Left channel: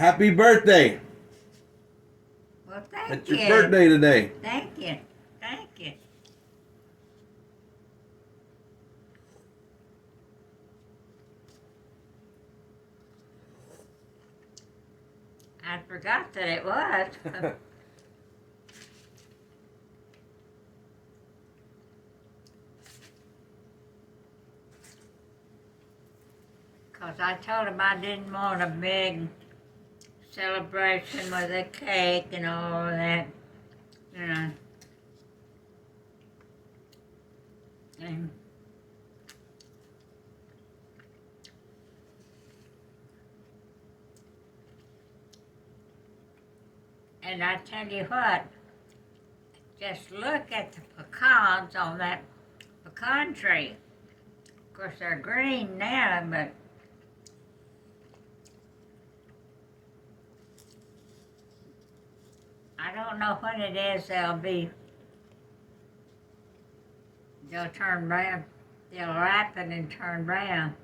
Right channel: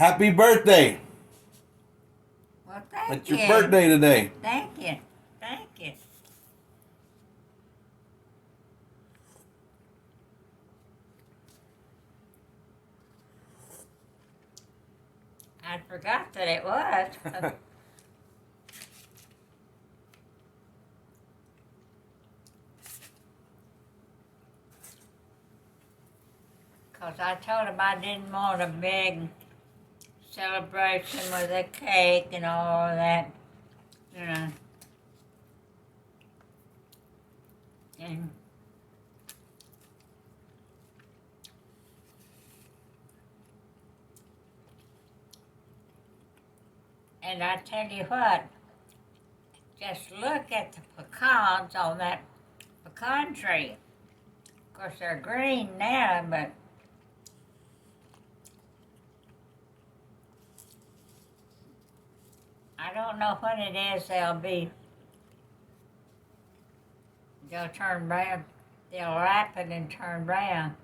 Happy birthday. Well, thank It's you. your birthday today. Thank you. Thank you. I forgot that it was. Because I told him I didn't want a big celebration with a cake and all of that. You know. And I tell you what, just look at the pecans on that pecan tree. Of course, they're green now, but I don't know when it is they'll turn brown. They'll ripen and turn brown.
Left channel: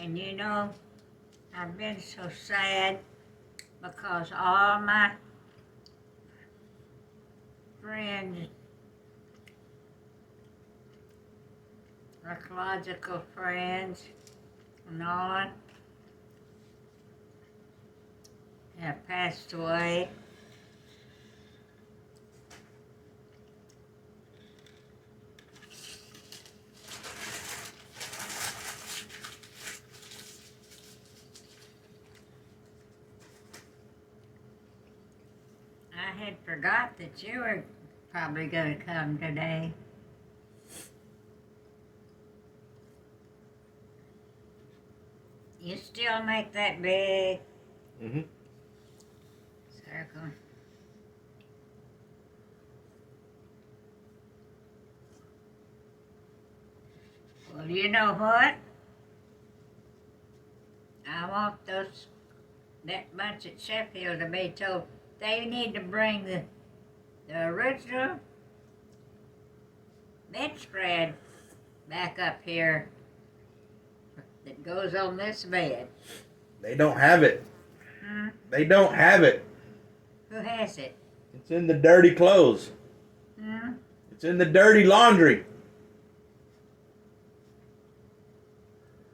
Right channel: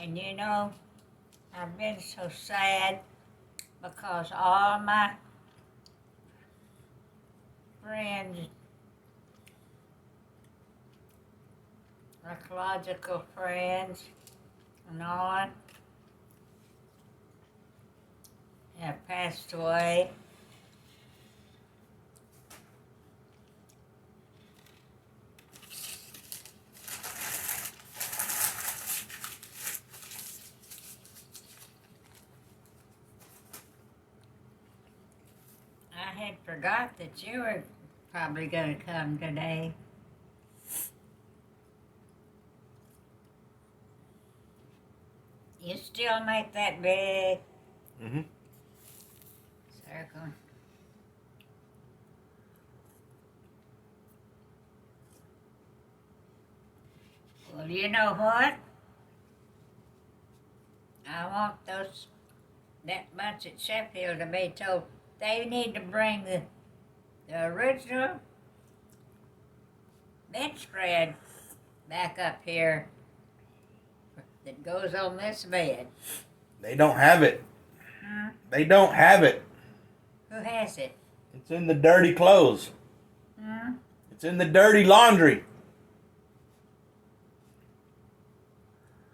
And you know, I've been so sad because all my friends, ecological friends, and all have passed away. I had forgot that you were probably going to come today. You still make that big Mm-hmm. circle. Well, you know what? I want that bunch at Sheffield to be told they need to bring the original bedspread back up here that goes on this bed. They don't have it. Hmm? They don't have it. Who has it? It's in the dirty clothes. Hmm? It's in the dirty laundry.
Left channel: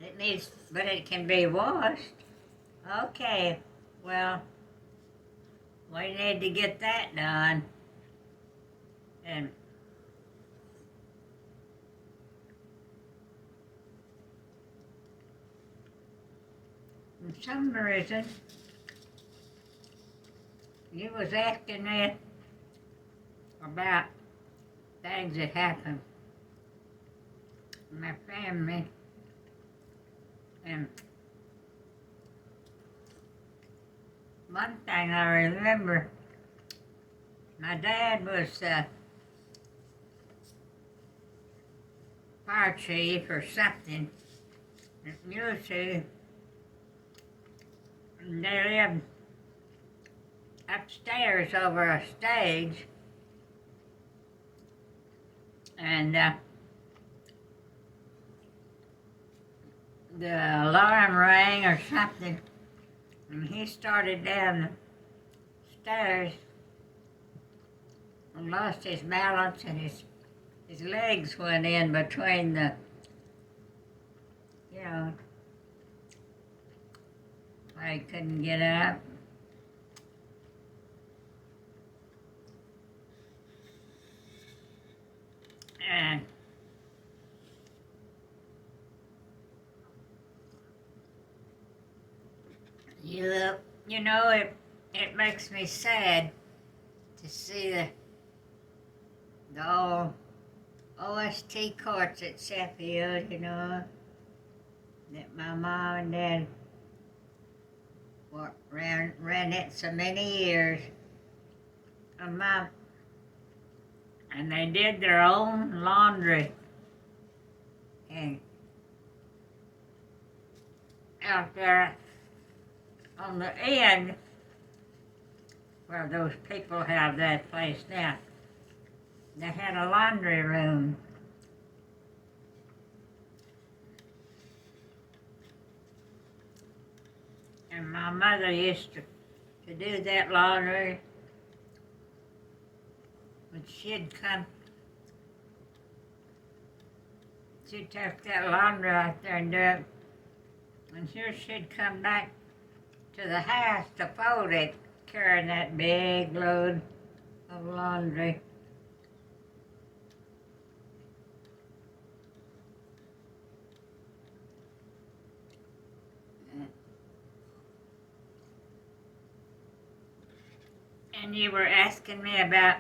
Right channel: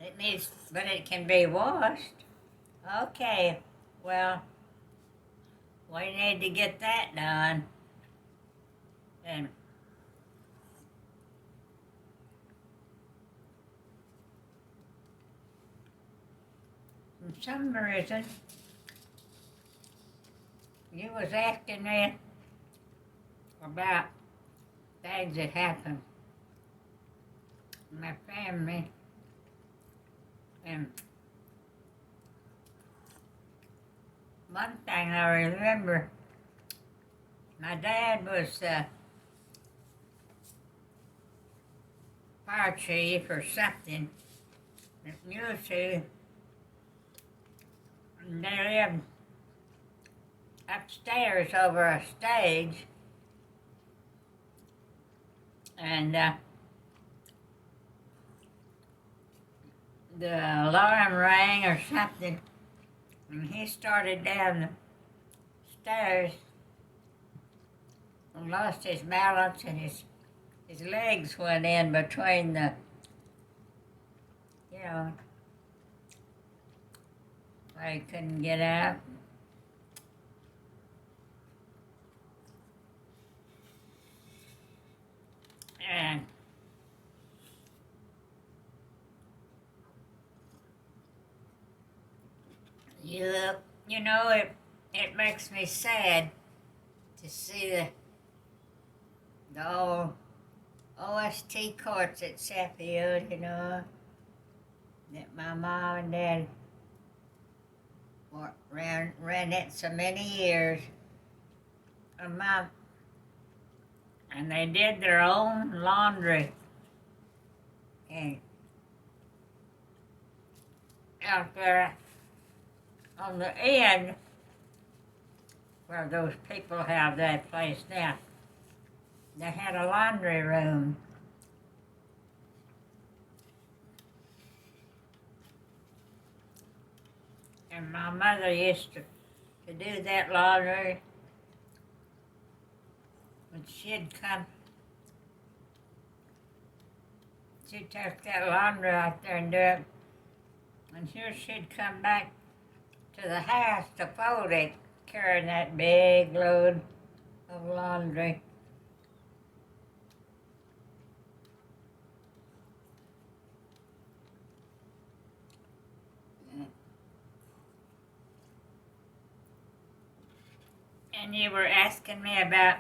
It needs, but it can be washed. Okay, well, we need to get that done. And for some reason, you was asking me about things that happened in my family. And one thing I remember, my dad was fire chief or something at Muleshoe. And they lived upstairs over a stage. And the alarm rang or something, and he started down the stairs and lost his balance, and his legs went in between the, you know, I couldn't get up. And you know, it makes me sad to see the old OST courts at Sheffield, you know, that my mom and dad ran it so many years. And they did their own laundry. And out there on the end where those people have that place now. They had a laundry room. And my mother used to do that laundry. When she'd come, she'd take that laundry out there and do it. And here she'd come back to the house to fold it, carrying that big load of laundry. And you were asking me about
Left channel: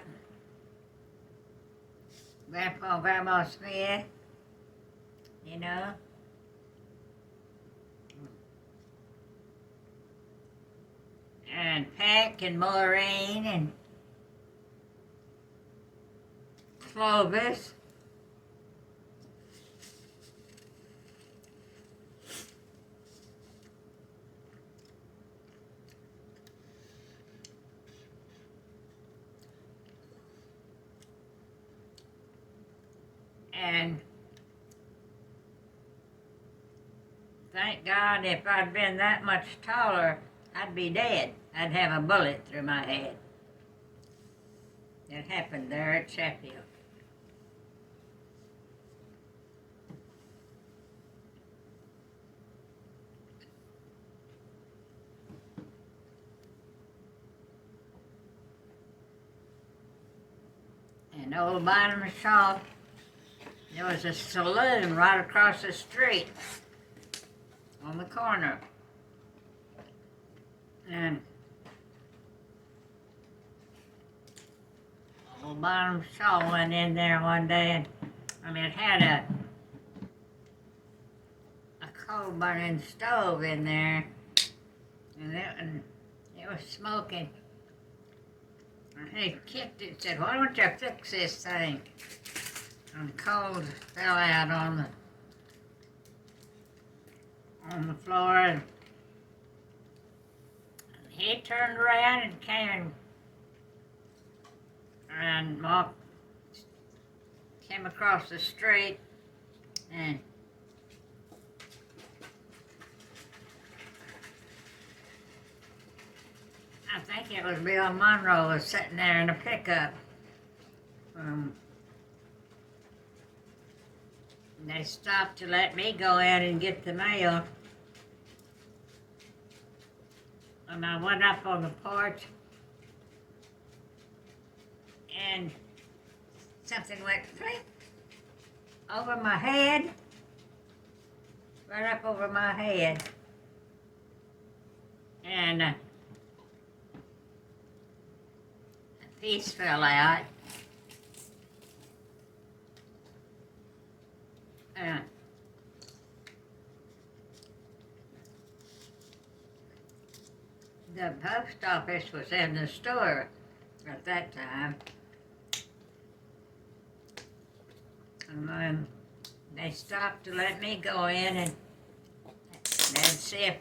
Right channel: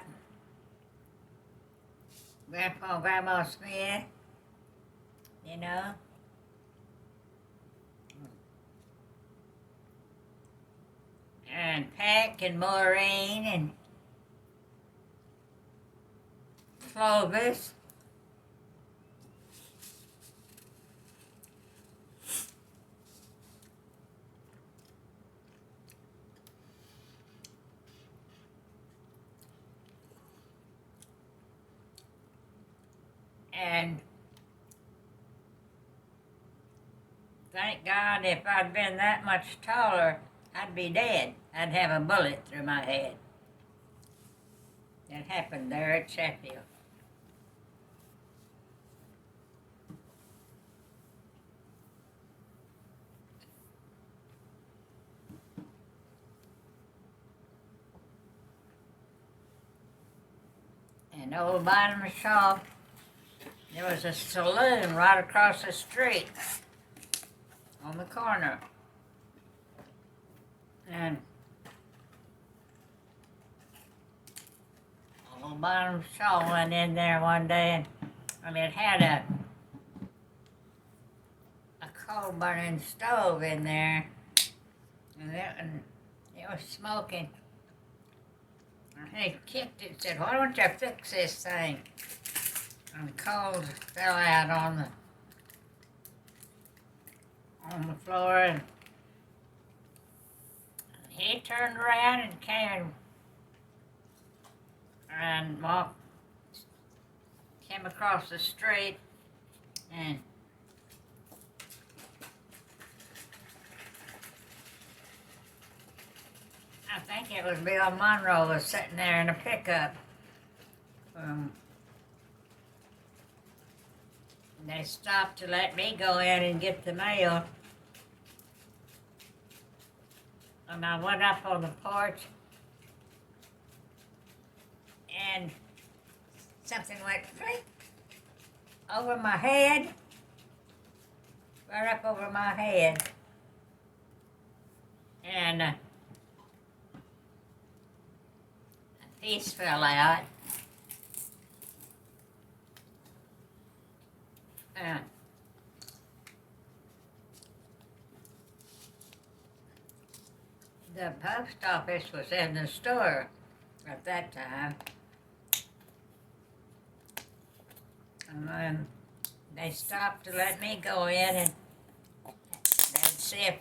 Grandpa and Grandma Smith, you know? And Peck and Maureen and Clovis. And thank God, if I'd been that much taller, I'd be dead. I'd have a bullet through my head. That happened there at Sheffield. And old Bynum Shaw, there was a saloon right across the street on the corner. And old Bynum Shaw went in there one day and it had a coal burning stove in there, and it was smoking. And he kicked it and said, "Why don't you fix this thing?" And coals fell out on the floor, and he turned around and came and came across the street, and I think it was Bill Monroe was sitting there in a pickup. They stopped to let me go in and get the mail. And I went up on the porch, and something went flip over my head, right up over my head. And a piece fell out. The post office was in the store at that time. And then they stopped to let me go in and they'd see if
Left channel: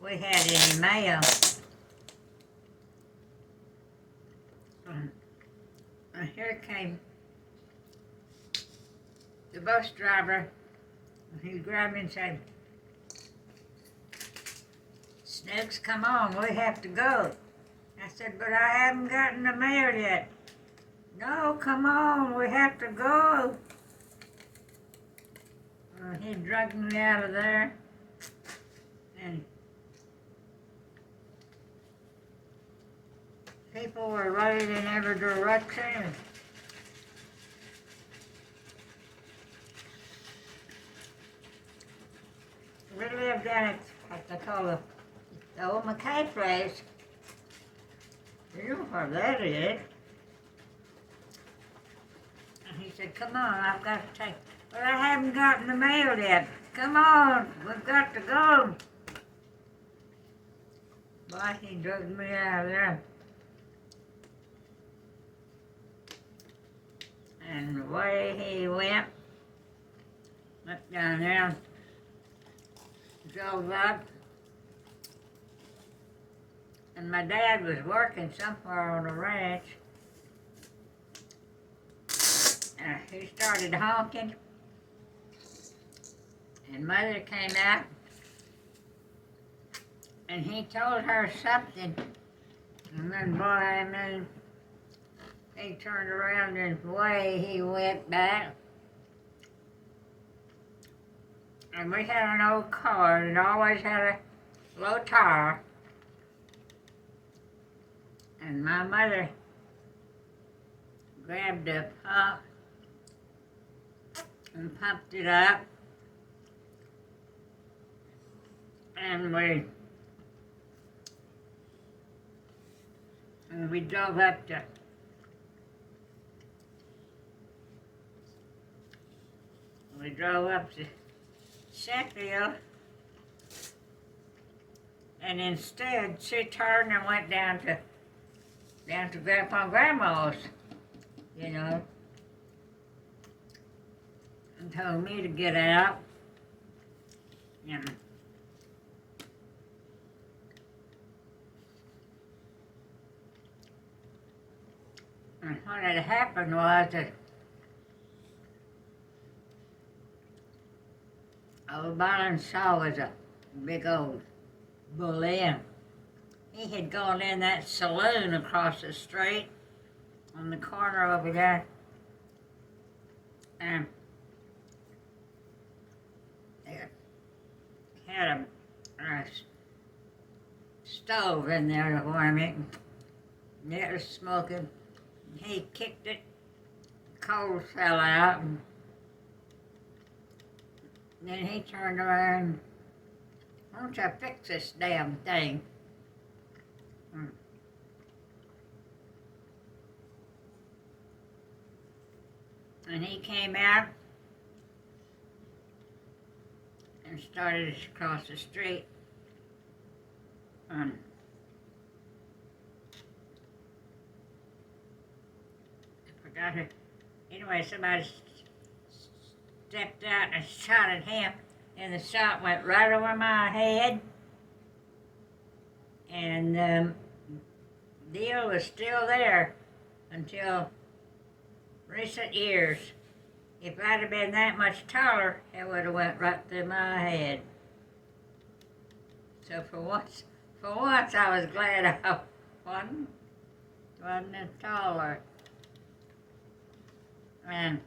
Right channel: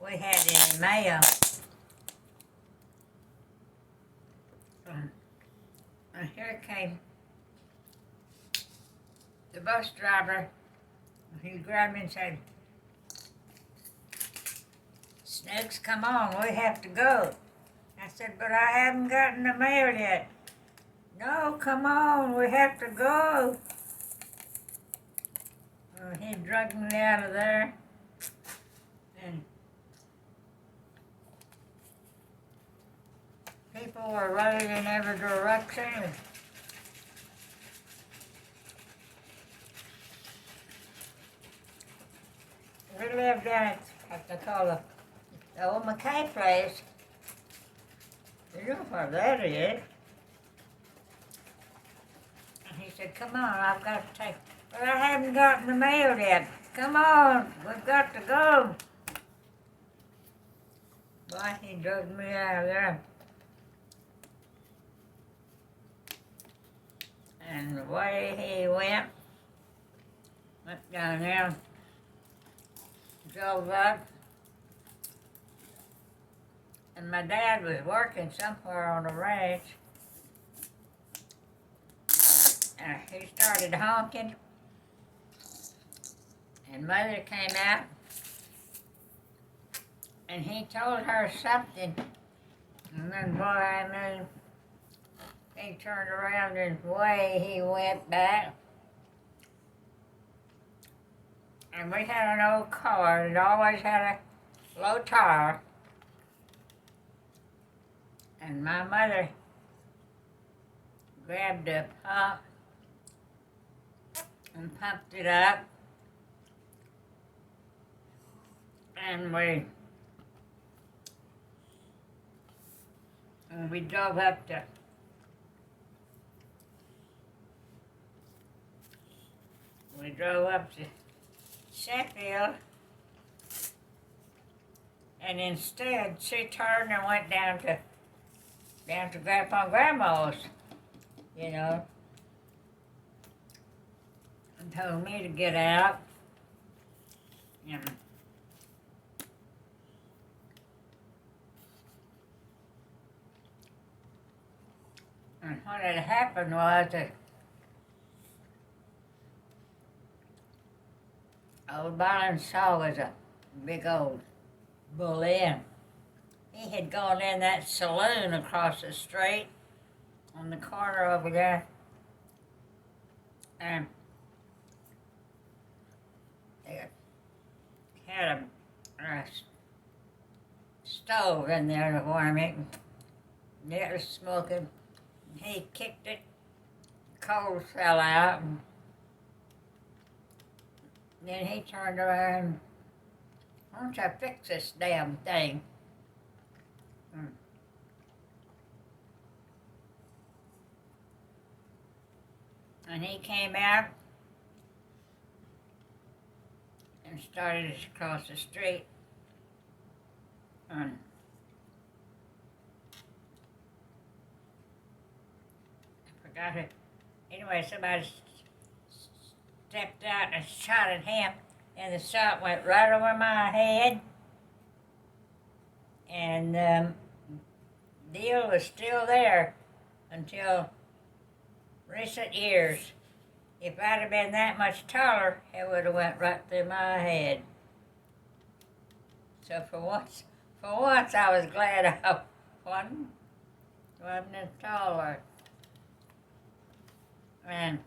we had any mail. And here came the bus driver. He grabbed me and said, "Snooks, come on, we have to go." I said, "But I haven't gotten the mail yet." "No, come on, we have to go." He dragged me out of there, and people were running in every direction. We lived down at what they call the old McKay place. You know where that is. And he said, "Come on, I've got to take..." "But I haven't gotten the mail yet." "Come on, we've got to go." Boy, he drug me out of there. And away he went. Went down there, drove up, And my dad was working somewhere on a ranch. He started honking. And Mother came out. And he told her something. And then, boy, I mean, he turned around and away he went back. And we had an old car. It always had a low tire. And my mother grabbed a pump and pumped it up. And we drove up to Sheffield, and instead she turned and went down to Grandpa and Grandma's, you know, and told me to get out. And what had happened was that old Byron Shaw was a big old bully. He had gone in that saloon across the street on the corner over there, and they had a stove in there to warm it, and it was smoking. He kicked it, coals fell out, and then he turned around, why don't you fix this damn thing? And he came out and started across the street. I forgot it. Anyway, somebody stepped out and shot at him, and the shot went right over my head. And Deal was still there until recent years. If I'd have been that much taller, it would have went right through my head. So for once I was glad I wasn't taller. And